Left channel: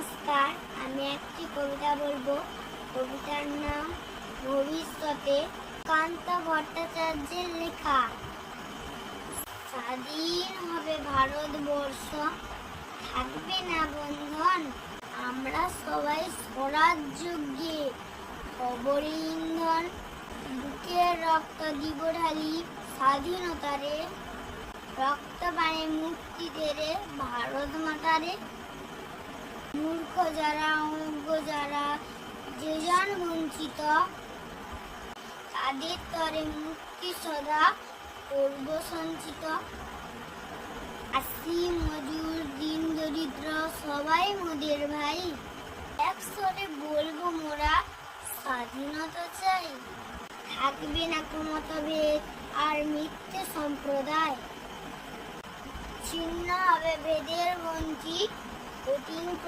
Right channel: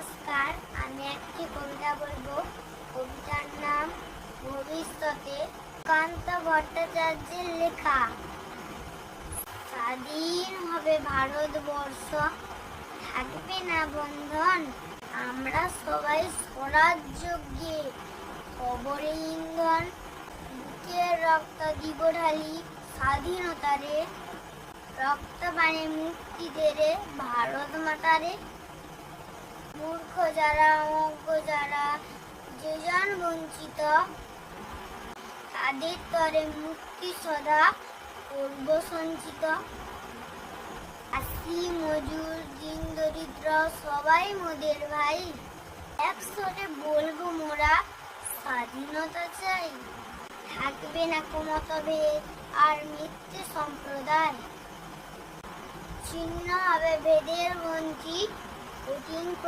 নমস্কার, আমি একটি কবিতা বলবো। কবিতার নাম ভবিষ্যতে, কান্ত ভট্টাচার্যের লেখা। স্বাধীন হবে ভারতবর্ষ, থাকবে না বন্ধন, আমরা সবাই স্বরাজ্যে কবরে ইন্ধন, বুকের রক্ত দিব ঢালি স্বাধীনতারে, রক্ত বাণে মুক্তি দেরে ভারত মাতারে। মূর্খ যারা, অজ্ঞ যারা, যে জন বঞ্চিত, তাদের তরে মুক্তি সদা করব সঞ্চিত। আসি মজুর, দিন দরিদ্র, সবাই মোদের ভাই, একসরে বলবো মোরা স্বাধীনতা চাই। থাকবে না মতভেদ আর মিথ্যে সম্প্রদায়, ছিন্ন হবে বেদের গণ্ডি, কঠিন